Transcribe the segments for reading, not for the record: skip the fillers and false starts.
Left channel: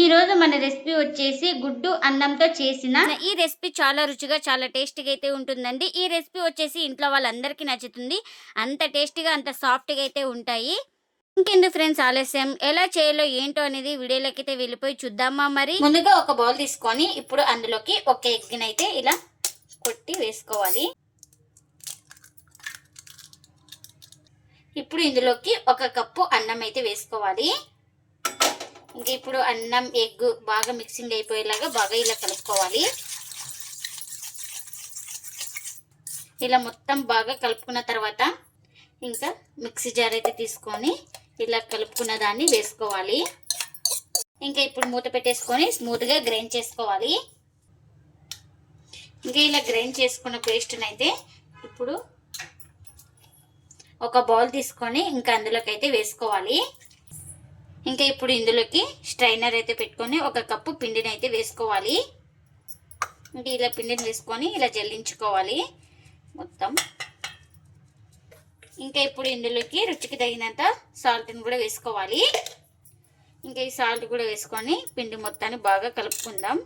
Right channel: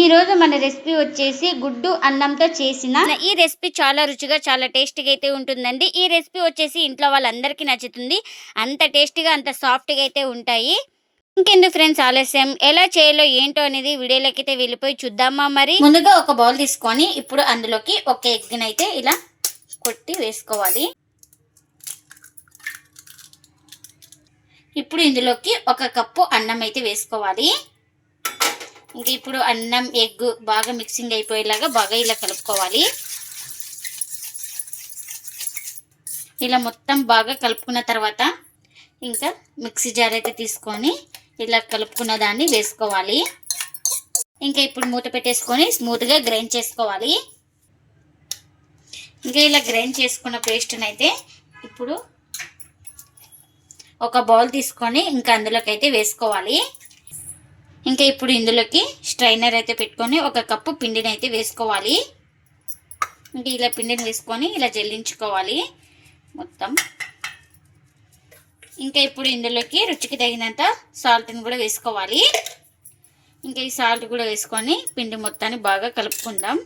ఈ రోజు మన రెసిపీ వచ్చేసి గుడ్డు అన్నంతో చేసిన ఈ రెసిపీ చాలా రుచిగా చాలా టేస్టీగా అయితే ఉంటుందండి. ఈ రెసిపీ వచ్చేసి ఇంట్లో వాళ్ళందరికీ నచ్చుతుంది. అంత టేస్టీగా అంత సాఫ్ట్గా అయితే ఉంటాయి. ఇంకెందుకు ఫ్రెండ్స్ ఆలస్యం, ఎలా చేయాలో ఏంటో అనేది వీడియోలోకి అయితే వెళ్ళిపోయి చూద్దామా. మరి ముందుగా ఒక బౌల్ తీసుకొని ఇప్పుడు అందులోకి ఒక ఎగ్ని అయితే ఇలా కొట్టి వేసుకోవాలి. ఇప్పుడు ఇందులోకి ఒక కప్పు అన్నం అయితే వేసుకోవాలి. ఇంకా ఇప్పుడు అన్నం ఎగ్ బాగా మిక్సింగ్ అయిపోయేలాగా బాగా ఇలా కలుపుకోవాలి. ఇలా మొత్తం బాగా కలుపుకున్న తర్వాత ఇంకా మిక్సీ జార్ అయితే తీసుకొని ఇలా కలుపుకున్న దాన్ని వేసుకోవాలి. ఇంకా ఇప్పుడు మూత పెట్టేసుకొని స్మూత్గా గ్రైండ్ చేసుకోవాలి. ఇంకా ఇలా గ్రైండ్ చేసుకున్న పేస్ట్ని అయితే ఇప్పుడు ఒక బౌల్ తీసుకొని ఇంకా అందులోకి అయితే వేసుకోవాలి. ఇంకా ఇప్పుడు ఇందులోకి స్ట్రైనర్ అయితే పెట్టుకొని ఒక కప్పు పిండిని అయితే వేసుకోవాలి. ఇంకా ఇలా పిండిని వేసుకొని ఇలా జల్లించుకోవాలి మొత్తం. ఇంకా ఇప్పుడు ఇందులోకి రుచికి తగినంత సాల్ట్ని కూడా వేసుకోవాలి. ఇంకా ఈ సాల్ట్ కూడా వేసుకొని పిండి మొత్తాన్ని బాగా కలుపుకుందాం.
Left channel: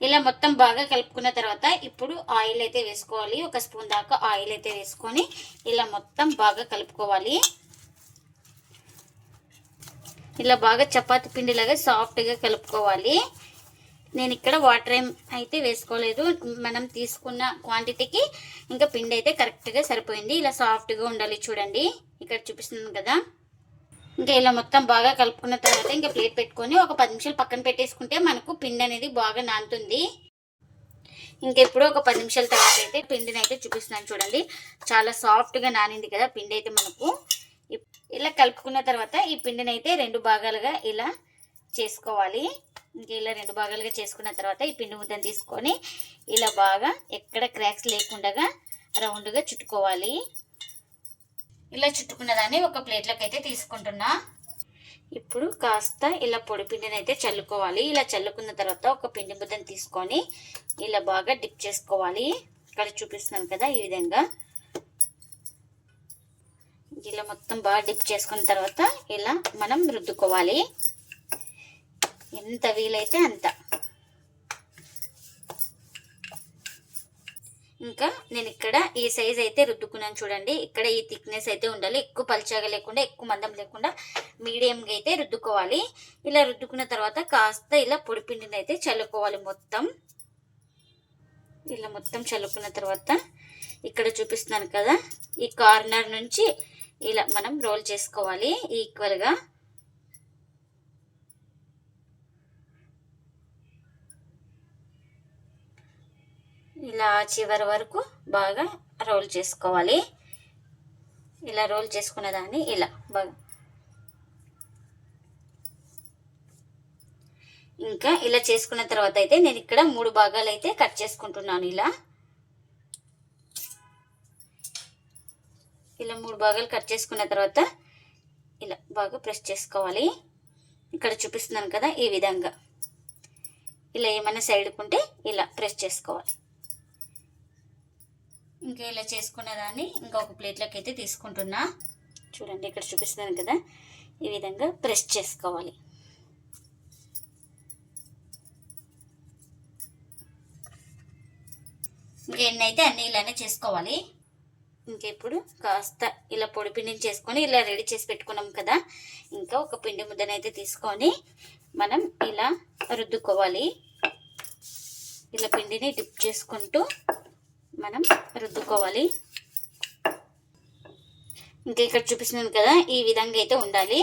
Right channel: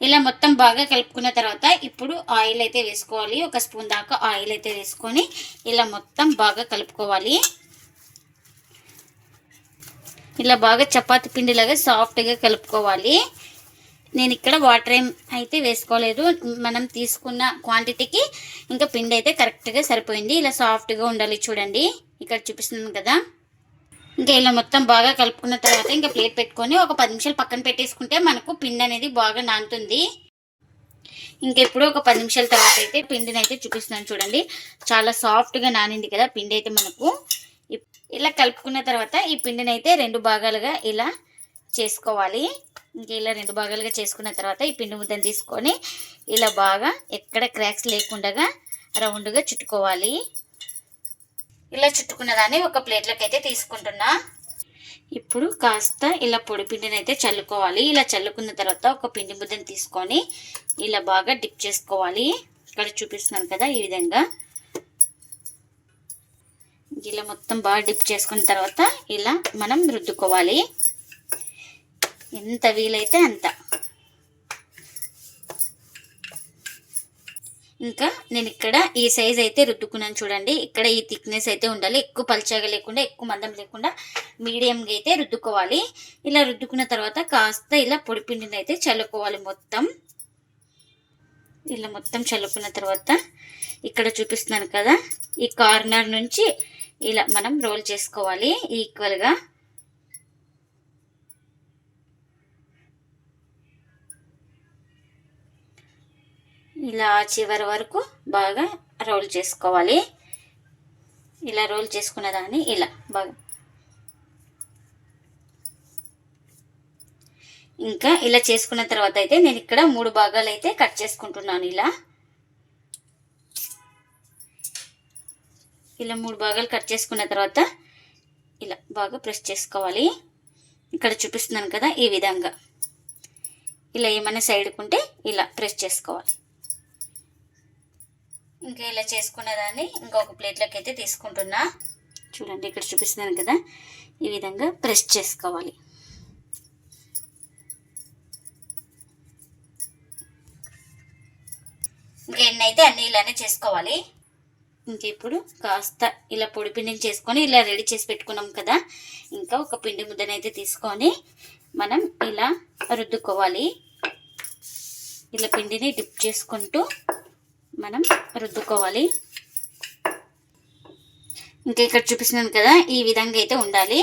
ఇలా మొత్తం బాగా కలుపుకున్న తర్వాత ఇప్పుడు ఆయిల్ అయితే వేసుకోవాలి. ఒక స్పూన్ దాకా ఆయిల్ అయితే వేసుకొని ఇలా మొత్తం బాగా కలుపుకోవాలి. ఇలా బాగా చపాతి పిండిలాగా సాఫ్ట్గా కలుపుకోవాలి. నేను ఇక్కడ వాటర్ ఏం అయితే వేసుకోలేదు. మనం తీసుకున్న క్వాంటిటీకి ఇంకా పిండి అయితే కరెక్ట్గా సరిపోయింది. ఇలా సాఫ్ట్గా ఉండాలి. చూడండి ఇక్కడ చూపిస్తున్నాను కదా. ఇంకా ఇలా మొత్తం బాగా కలుపుకున్న తర్వాత ఇంకా ప్లేట్ పెట్టుకొని ఒక 10 నిమిషాలు పక్కన పెట్టేసుకుంటే మనకు పిండి అనేది బాగా నానుతుంది. ఇంకా ఇప్పుడు ఒక 10 నిమిషాల తర్వాత అయితే పిండిని అయితే చూపిస్తున్నాను. చూడండి చాలా సాఫ్ట్గా నానింది కదా పిండి అయితే మనకు. ఇలా కలుపుకున్న తర్వాత ఈ పిండిని అయితే 2 భాగాలుగా ఇలా చేసుకోవాలి. ఇంకా ఇలా 2 భాగాలుగా చేసుకున్న తర్వాత ఈ పిండి ముద్దను తీసుకొని ఇలా బాగా ఎక్కడ క్రాక్స్ లేకుండా రౌండ్గా చుట్టుకోవాలి. ఇలా చుట్టుకున్న దాన్ని ఒక ప్లేట్లోకి అయితే తీసుకుంటున్నా. ఇప్పుడు కాస్త ఇలా పొడి పిండిని అయితే చల్లుకోవాలి. ఇలా చల్లుకున్న తర్వాత ఒక పిండి ముద్దను తీసుకొని ఇలా బాగా డిప్ చేసుకోవాలి. ఇక్కడ చూపిస్తున్నాను కదా ఈ విధంగా. ఇలా మొత్తం బాగా డిప్ చేసుకున్న తర్వాత ఇలా మనం రుద్దుకోవాలి. ఎంత వీలైతే అంత. ఇంకా నేను ఇక్కడ ఈ సైజ్ అయితే రుద్దుకున్నాను. చూడండి ఇక్కడ ఈ థిక్నెస్ అయితే ఉండాలి. ఎక్కువ పల్చగా లేకుండా ఎక్కువ మందం లేకుండా మీడియంగా అయితే రుద్దుకోవాలి. ఇలా రుద్దుకున్న తర్వాత కాస్త ఇలా పొడి పిండిని అయితే చల్లుకోవాలి మొత్తం. ఇలా మొత్తం చల్లుకున్న తర్వాత ఇక్కడ చూపిస్తున్నాను కదా ఈ కార్నర్ నుంచి ఇలా మనం రోల్ చేసుకోవాలి ఈక్వల్గా. ఇలా చివరి వరకు బాగా రోల్ చేసుకోవాలి. ఇలా రోల్ చేసుకున్న దాన్ని ఇలా బాగా ఇంకా ఇలా చేసుకున్న తర్వాత అయితే నేను ఇక్కడ 3 భాగాలు అయితే కట్ చేసుకుంటున్నాను. ఇలా 3 భాగాలు కట్ చేసుకున్న తర్వాత ఇలా బాగా ప్రెస్ చేసుకోవాలి. ఇక్కడ చూపిస్తున్నాను కదా ఈ విధంగా. ఇలా ఏమైనా సైడ్కు ఉంటే ఇలా ప్రెస్ చేసుకోవాలి. ఇంకా ఇలా చేసుకున్న దాన్ని ఇంకొక ప్లేట్లోకి అయితే తీసుకుంటున్నా. చూడండి ఇక్కడ చూపిస్తున్నాను కదా ఈ విధంగా ప్రెస్ చేసుకోవాలి. ఇంకా ఎన్నైతే అన్నీ ఇలానే చేసుకోవాలి. ఇంకా ఇప్పుడు కాస్త ఇలా పొడి పిండిని చేసుకొని ఇలా రెడీ చేసి పెట్టుకున్నాం కదా. ఇంకా ఒక పిండి ముద్దనైతే తీసుకొని మనం ఇలా రుద్దుకోవాలి. ఇలా పిండిని డిప్ చేసుకుంటూ మనం రుద్దుకోవాలి. ఇంకా ఇక్కడ చూపిస్తున్నాను కదా ఈ విధంగా అయితే ఉండాలి.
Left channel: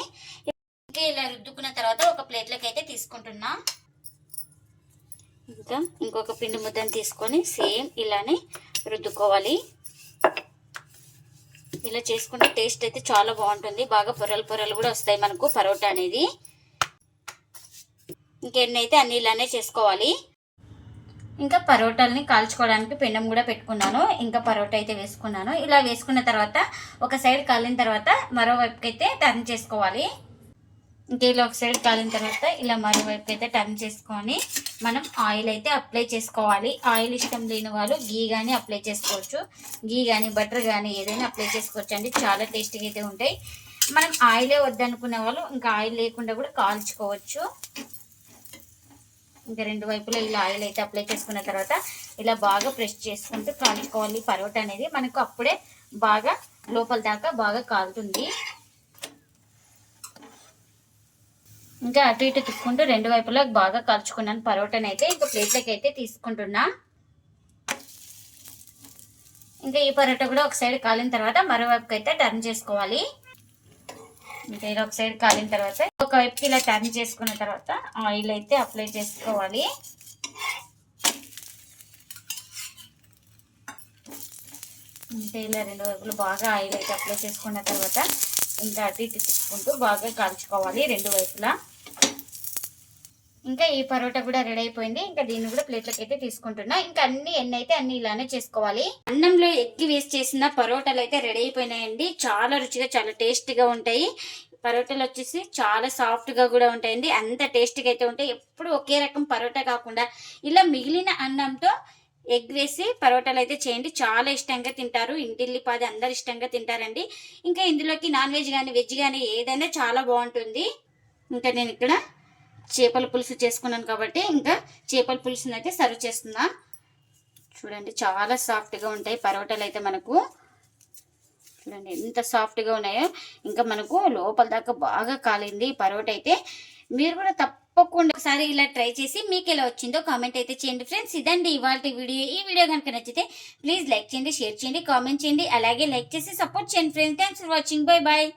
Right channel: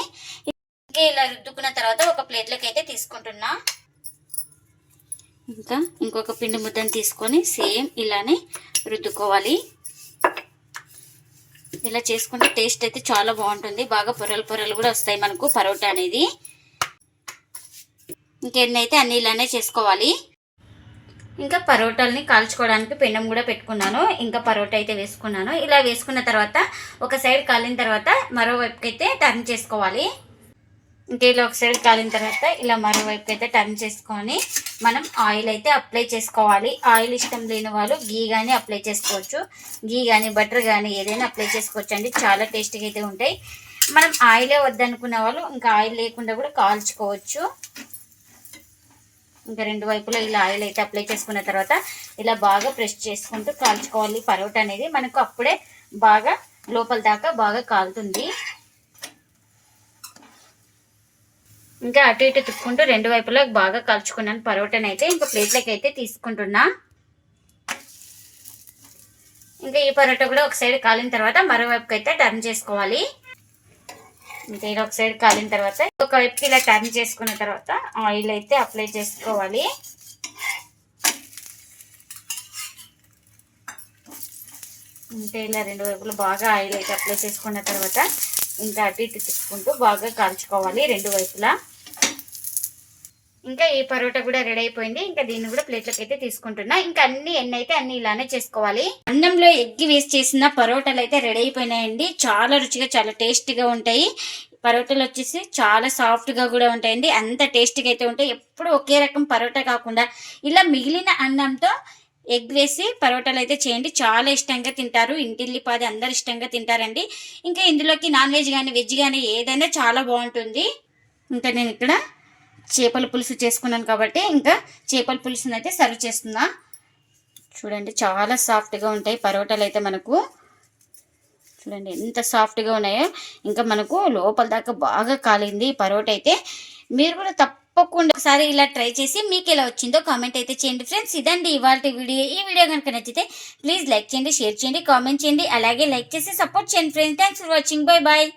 ఇంకా ఇలా రుద్దుకున్న తర్వాత ఒక ప్లేట్లోకి అయితే తీసుకుంటున్నా. ఇంకా ఇంకొక పిండి ముద్దను తీసుకొని సేమ్ ఇలానే రుద్దుకోవాలి. ఇలా చేసుకుంటే టేస్ట్ అయితే చాలా బాగుంటుంది. బాగా పొరలు పొరలు కూడా వస్తాయి మనకు పరోటా అనేది. ఇంకెన్నైతే అన్ని ఇలానే చేసుకోవాలి. ఇంకా పరోటాలని కాల్చుకోవడానికి పెనం కూడా పెట్టుకున్నాను. ఇంకా పరోటా అయితే వేసుకున్నాను. ఇలా వేసుకున్న తర్వాత ఒక సైడ్ కాలిన తర్వాత మరోవైపుకి అయితే టర్న్ చేసుకోవాలి. ఇంకా ఇలా ఒక సైడ్ కాలిన తర్వాత ఇలా మరోవైపు అయితే టర్న్ చేసుకొని మనం ఆయిల్ అయితే అప్లై చేసుకోవాలి. ఆయిల్ ఇష్టం లేని వాళ్ళు గీ కానీ అప్లై చేసుకోవచ్చు. గీ కానీ బటర్ కానీ ఏదైనా అప్లై చేసుకోవచ్చు అండి. చాలా టేస్టీగా అయితే ఉంటాయి. మనం ఆయిలే వద్దనుకునే వాళ్ళు ఇంకా ఆయిల్ లేకుండా కూడా కాల్చుకోవచ్చు. ఇంకా రెండు వైపులా ఇలా ఆయిల్ అయితే అప్లై చేసుకున్న తర్వాత ఇలా బాగా ప్రెస్ చేసుకుంటూ కాల్చుకోవాలి. పరోటా అనేది మనకు అప్పుడే బాగా లోపల దాకా బాగా కాలుతుంది. ఇంకా అటు ఇటు తిప్పుకుంటూ రెండు వైపులా బాగా కాల్చుకున్నాను పరోటాని అయితే. ఇంకా ప్లేట్లోకి అయితే తీసుకుంటున్నా. ఇంకా ఈ పరోటా కూడా ఒక సైడ్ కాలిన తర్వాత మరోవైపుకి అయితే టర్న్ చేసుకోవాలి. ఇంకా ఇలా ఒక సైడ్ కాలిన తర్వాత ఒక వైపుకి ఇలా టర్న్ చేసుకున్న తర్వాత ఆయిల్ అయితే అప్లై చేసుకోవాలి. ఇంకా ఇలా రెండు వైపులు బాగా ఆయిల్ అయితే అప్లై చేసుకున్న తర్వాత ఇంకా అటు ఇటు తిప్పుకుంటూ బాగా కాల్చుకోవాలి రెండు వైపులా. ఇంకా ఈ పరోటా కూడా రెడీ అయిపోయింది. ఇంకా దీన్ని కూడా ప్లేట్లోకి అయితే తీసుకుంటున్నా. ఇంకా ఎన్ని అయితే అన్ని ఇలానే చేసుకోవాలి. అన్నంలో ఎగ్ వేసి చేసిన పరోటాలు అయితే రెడీ అయిపోయినాయండి. చాలా రుచిగా చాలా టేస్టీగా ఉంటాయి. పరోటాలు వచ్చేసి చాలా సాఫ్ట్గా కూడా ఉంటాయండి. అంత టేస్టీగా అయితే ఉంటాయి. ఎప్పుడు ఒకే రకం పరోటా కాకుండా ఇలా మిగిలిన అన్నంతో ఎగ్ వేసి పరోటాలు అయితే చేయండి. చాలా ఇష్టంగా తింటారు. ఇంటిల్లిపాది అందరు ఇష్టంగా తింటారండి. ఇంకా ఇందులోకి నాన్ వెజ్ కానీ వెజ్ కానీ ఏదైనా చాలా బాగుంటుంది. ఇంకా నేను ఇక్కడ చేపల పులుసు చేసుకున్నాను కాబట్టి ఇంకా చేపల పులుసుని అయితే సర్వ్ చేస్తున్నా. చూడండి చాలా సాఫ్ట్గా ఉంటాయి పరోటాలు అయితే మనకు. చూడండి ఎంత సాఫ్ట్గా ఉన్నాయో. ఇంకా మనకు లోపల దాకా బాగా కాలింది పరోటా అయితే. మీరు కూడా తప్పకుండా ఒకసారి ఇలా ట్రై చేసి మీకు ఎలా వచ్చిందో కామెంట్ అయితే చేయండి ఫ్రెండ్స్. ఇదండి ఇవాళ వీడియో. ఈ వీడియో కనుక నచ్చితే ప్లీజ్ లైక్ చేయండి, షేర్ చేయండి, కామెంట్ చేయండి. అలాగే లైక్ చేసి సపోర్ట్ చేయండి friends. Thanks for watching. Bye bye.